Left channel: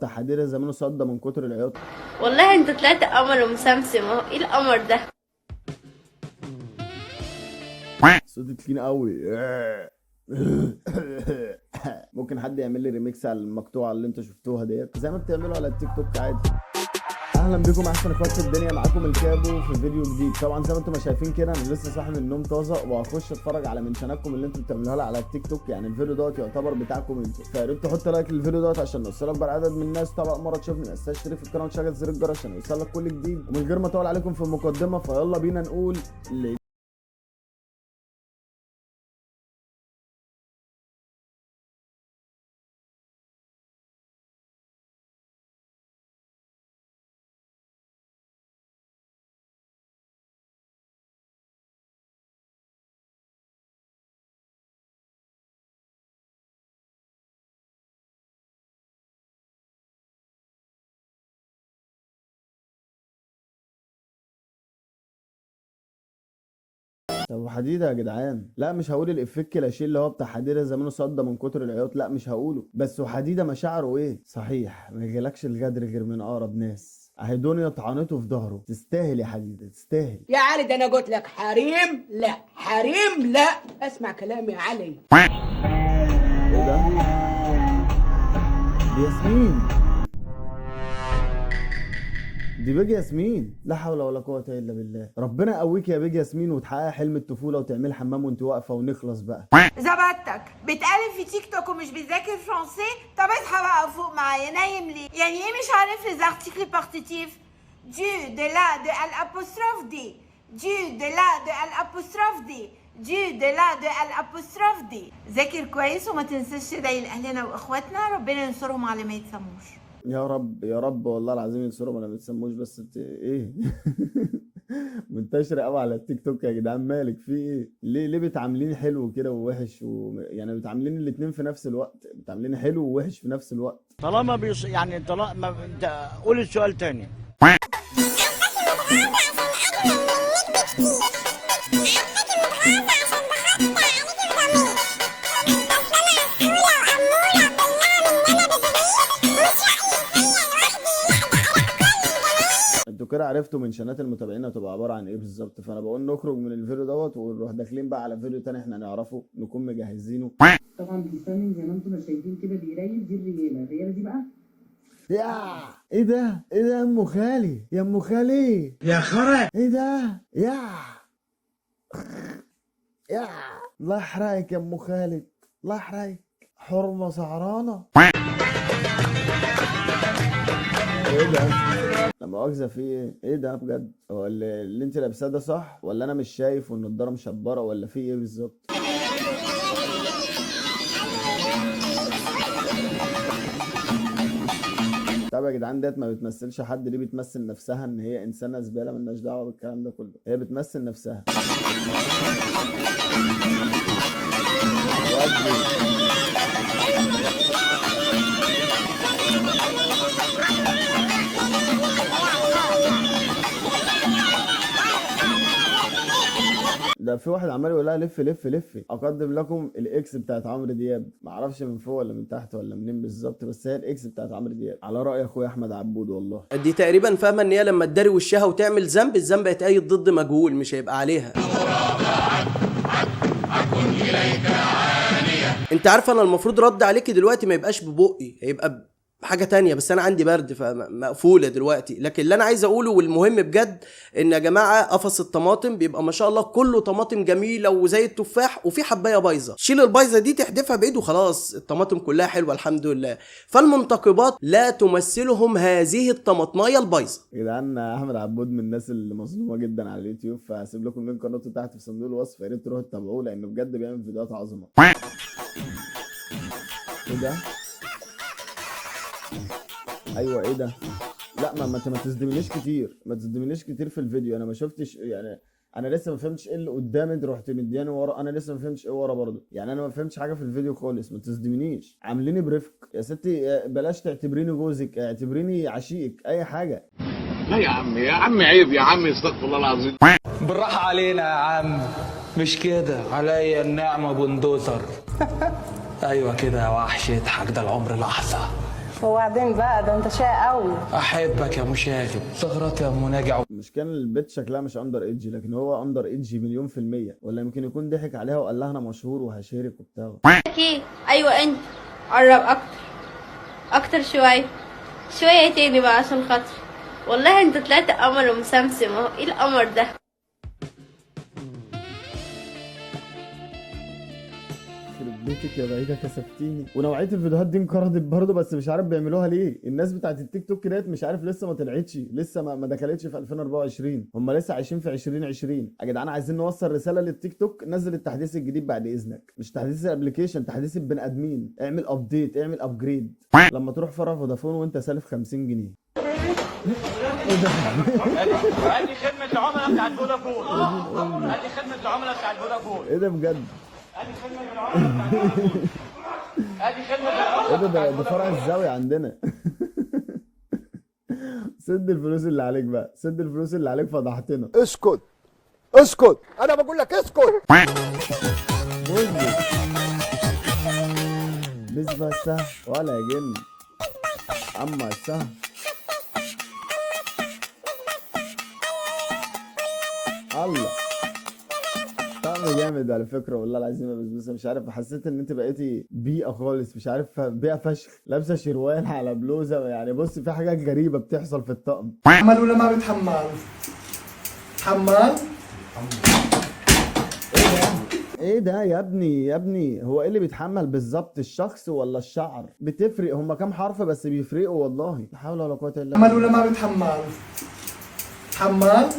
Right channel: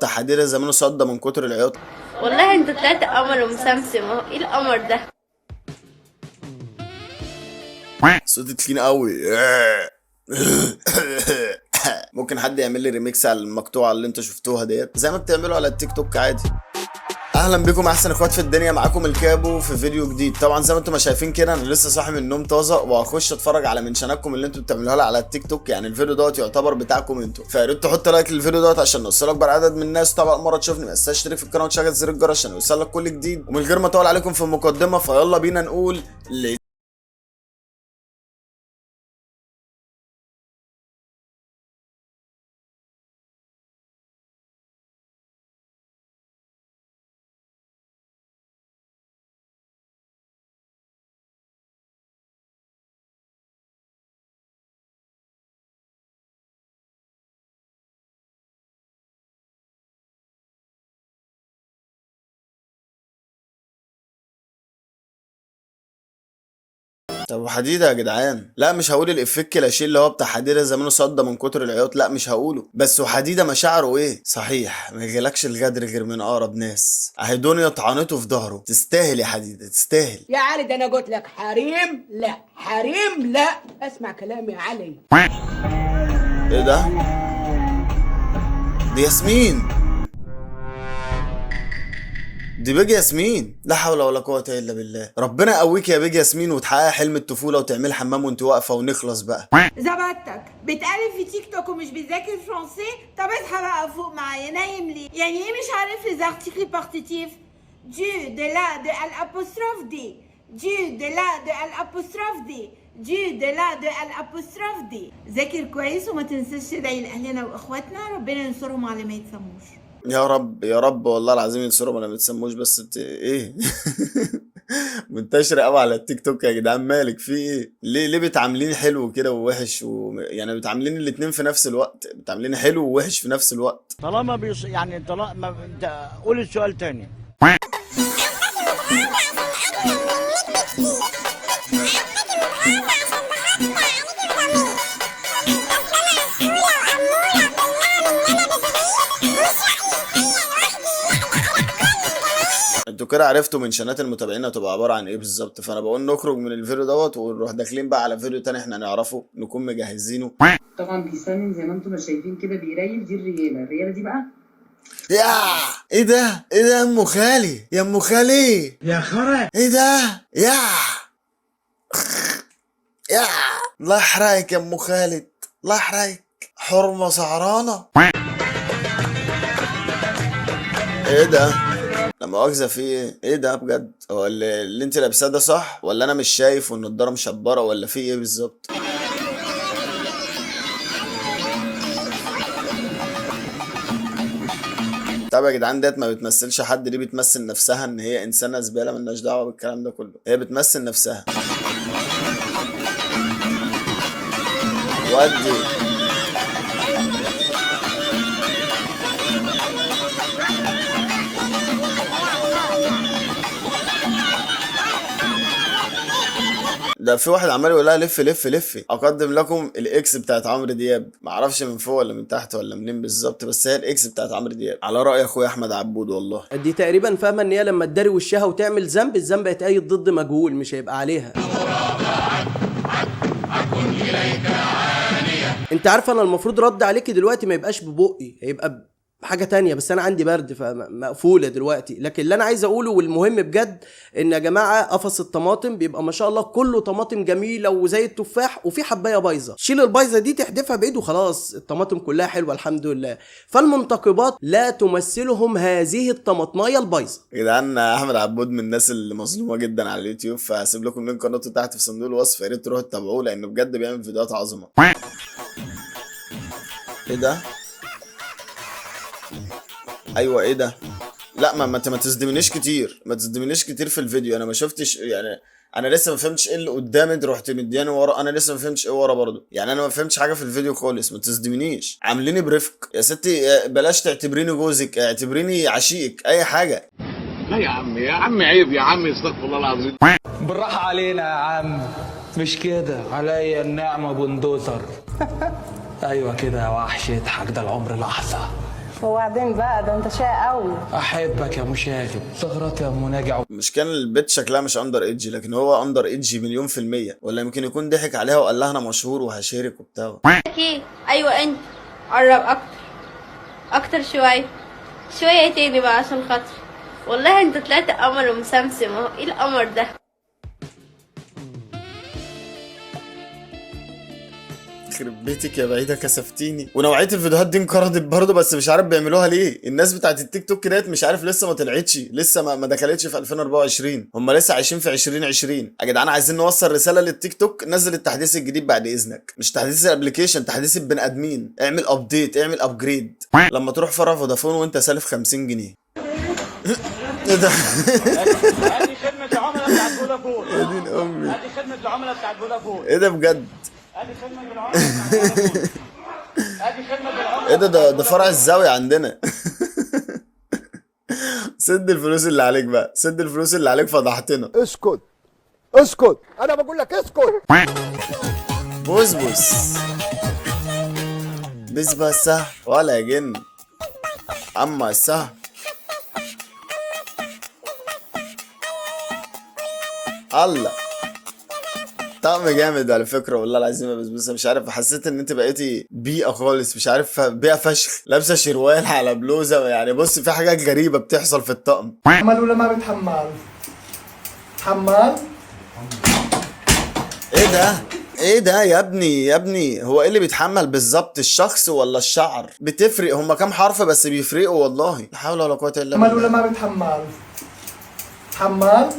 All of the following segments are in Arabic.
تحديدا زمانه صدى من كتر العياط. والله انت طلعت قمر ومسمسم اهو. ايه القمر ده؟ صوتي تخين قوي. ممكن حد يعمل لي ريميكس على المقطوعه اللي انتوا شفتوها ديت زي ما بتعملوا على التيك توك عادي. اهلا بكم احسن اخوات في الدنيا، معاكم الكابو في فيديو جديد. طبعا زي ما انتم ما شايفين كده انا لسه صاحي من النوم طازه، وهخش اتفرج على منشناتكم اللي انتم بتعملوها لي على التيك توك. يعني الفيديو دوت يعتبر بتاعكم انتوا، فيا ريت تحط لايك للفيديو دوت عشان نوصل اكبر عدد من الناس. طبعا مره تشوفني ما تنساش تشترك في القناه وتشغل زر الجرس عشان يوصلك كل جديد. ومن غير ما اطول عليكم في المقدمه فيلا بينا نقول طب وحديدة يا جدعان؟ لا مش هقول الافيه الكلاشيه اللي هو بتاع حديدة زمانه صدى من كتر العياط، لا مش هقوله. بس وحديدة مشاعره ايه؟ صحيح ما يجيلكش الغدر غير من اقرب ناس. اهي دنيا طعنته في ظهره. تستاهل يا حديدة تستاهل. يا علي ده انا قلت لك حريم لا حريم لا. اسمع كلامي يا علي. ايه ده؟ دي ياسمين، دي بيج ياسمين. لا حول ولا قوة الا بالله. ربنا يقويك يا بيج ياسمين وتحقق حلم الطفولة وتعمل حمام وانت واقفة ونخلص بقى. زبطتك بتقلب في تيك توك ومش بتذاكر فرنسي؟ طب اصحى بقى فوق معايا، نايم ليه؟ يعني ايه مش عارف لي زارتيكل بارتيتيف؟ دو دي لا دو الابوستروف دي، دو دي لا دو الابوستروف دي، دو دي لا دو الابوستروف دي. ذاكر كويس وما تنساش تدعي لاهلنا واخواتنا ربنا ينصرهم على ما يتسموش. يا رب يا رب والله العظيم ينصرهم ولا ما تسموش. بس ايه؟ منتشرة قوي على التيك توك يا جدعان. مالك في ايه؟ ليه بتعامليني حلو كده ووحش يعني بتعامليني الاتنين في نفس الوقت، بتعامليني حلو ووحش في نفس الوقت. طالما يعني طالما انت قول السؤال تاني. انتوا كده عرفتوا منشنات المتابعين هتبقى عباره عن ايه بالظبط. فانا بقول نخرج من الفيديو دوت ونروح داخلين بقى على فيديو تاني احنا نعرفه نكون مجهزينه. طبعا بيسنن زي ما انتم ما شايفين كده بيريل. دي الرياله دي بقى. يا ايه ده؟ ايه ده يا ام خالي؟ يا ام خالي يا خرا ايه ده؟ يا الله يحرقك يا ام خالد، الله يحرقك. حرمه سعرانه. ايه ده؟ لا مؤاخذة في ايه؟ ايه ده بجد؟ هو اللي انت لابساه ده صح؟ ولا انا مش شايف والنضارة مشبرة ولا في ايه بالظبط؟ طب يا جدعان ديت ما بتمثلش حد، دي بتمثل نفسها ان هي انسانة زبالة ملناش دعوة بالكلام ده كله، هي بتمثل نفسها. ودي ده في واحد عمال يقول لها لف لف لفي. اقدم لكم الاكس بتاعت عمرو دياب، معرفش من فوق ولا من تحت ولا منين بالظبط، بس هي الاكس بتاعت عمرو دياب على راي اخويا احمد عبود. والله دي تقريبا فاهمه ان هي لما تداري وشها وتعمل ذنب، الذنب هيتقيد ضد مجهول مش هيبقى عليها. انت عارفه انا المفروض رد عليكي دلوقتي ما يبقاش ببقي، هيبقى حاجه تانية، بس انا عندي برد فمقفوله دلوقتي. لكن اللي انا عايز اقوله والمهم بجد ان يا جماعه قفص الطماطم بيبقى ما شاء الله كله طماطم جميله وزي التفاح، وفي حبايه بايظه شيل البايظه دي تحدفها بايد وخلاص الطماطم كلها حلوه الحمد لله. فالمنتقبات لا تمثلهم هذه الطماطمايه البايظه. يا جدعان احمد عبود من الناس اللي مظلومه جدا على اليوتيوب، فهسيب لكم لينك قناته تحت في صندوق الوصف، يا ريت تروحوا تتابعوه لانه بجد بيعمل فيديوهات عظمه. ايه ده؟ ايوه ايه ده؟ لا ما تصدمنيش كتير، ما تصدمنيش كتير في الفيديو. انا ما شفتش يعني، انا لسه ما فهمتش ايه اللي قدامي. انت رحت مدياني ورا، انا لسه ما فهمتش ايه ورا برضه. يعني انا ما فهمتش حاجه في الفيديو خالص. ما تصدمنيش، عامليني برفق يا ستي. بلاش تعتبريني جوزك، اعتبريني عشيقك، اي حاجه. لا يا عم يا عم عيب يا عم، استغفر الله العظيم. بالراحه علينا يا عم، مش كده عليا النعمه بندوزر. ايوه كده يا وحش، اضحك ده العمر لحظه. وبعدين بقى ده انت شقي قوي. احبك يا مشاغب، تغلط يا مناجع. مش كان البت شكلها مش اندر ايدج، لكن هو اندر ايدج مليون في المية، ولا يمكن يكون ضحك عليها وقال لها انا مشهور وهشارك وبتاع. ايه ايوه انت قرب اكتر شويه تاني بقى عشان خاطري. والله انت طلعت قمر ومسمسم اهو. ايه القمر ده؟ يخرب بيتك يا بعيده كسفتيني. ونوعيه الفيديوهات دي انقرضت برضه، بس مش عارف بيعملوها ليه. الناس بتاعت التيك توك ديت مش عارف لسه ما طلعتش، لسه ما دخلتش في 2024. هم لسه عايشين في 2020. يا جدعان عايزين نوصل رساله للتيك توك، نزل التحديث الجديد بعد اذنك. مش تحديث الابلكيشن، تحديث البني ادمين. اعمل ابديت، اعمل ابجريد. لما تروح فرع فودافون وانت سالف 50 جنيه. ايه ده؟ يا دين امي، ايه ده بجد؟ ايه ده فرع الزاوية عندنا. سد الفلوس اللي عليك بقى، سد الفلوس اللي عليك، فضحتنا. اسكت انا بقول لك اسكت. بس بسه ولا جن اما سه. الله طعم جامد على فكره والله العظيم يا بسبوسه. مش عارف، حسيت ان انت بقيتي بيئه خالص، مش عارف، بيئه فشخ. لابسه شروال على بلوزه، يعني بص في حاجات غريبه بتحصل في الطقم. حمال ولا ما بتحمل؟ حمال. ايه ده يا ابني هو ايه اللي بيتحمل بالظبط، الشخص ولا الشعر؟ بتفرق، هما كام حرف بس بيفرقوا والله. لا حول ولا قوه الا بالله. حمال ولا ما بتحمل؟ حمال.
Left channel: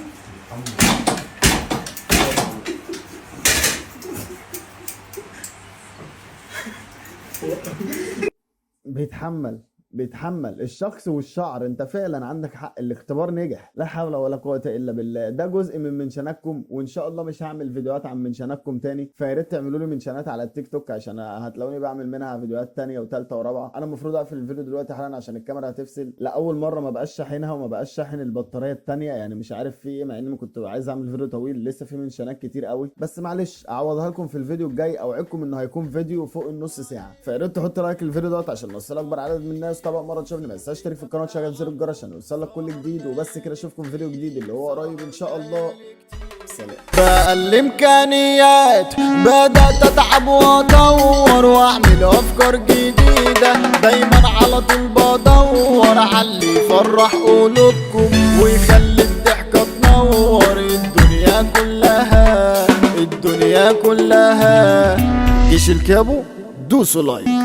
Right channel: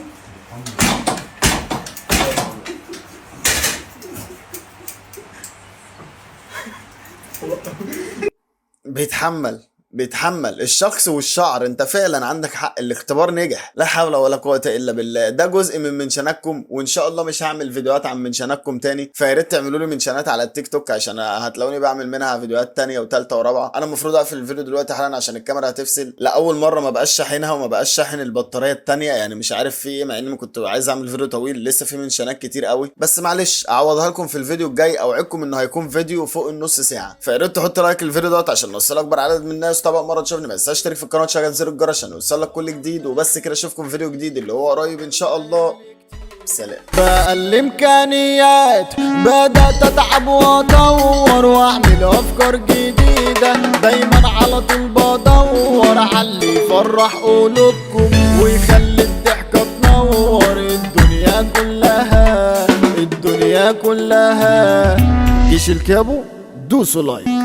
بيتحمل الشخص والشعر. انت فعلا عندك حق، الاختبار نجح. لا حول ولا قوه الا بالله. ده جزء من منشناتكم، وان شاء الله مش هعمل فيديوهات عن منشناتكم تاني. فيا ريت تعملوا لي منشنات على التيك توك، عشان هتلاقوني بعمل منها فيديوهات تانية وتالتة ورابعه. انا المفروض اقفل الفيديو دلوقتي حالا عشان الكاميرا هتفصل. لاول مره ما بقاش شاحنها وما بقاش شاحن البطاريه التانية، يعني مش عارف في ايه، مع اني كنت عايز اعمل فيديو طويل. لسه في منشنات كتير قوي، بس معلش اعوضها لكم في الفيديو الجاي. اوعدكم انه هيكون فيديو فوق النص ساعه. فيا ريت تحط لايك للفيديو دوت عشان نوصل اكبر عدد من الناس. طبعا مره تشوفني ما تنساش تشترك في القناه وتشغل زر الجرس عشان يوصلك كل جديد. وبس كده، اشوفكم في فيديو جديد اللي هو قريب ان شاء الله. سلام. بقى الامكانيات بدات اتعب وادور واعمل افكار جديده. دايما على طول بدور على اللي يفرح قلوبكم ويخلي الضحكه تنور الدنيا كلها. جيش الكابو دوسوا لايك.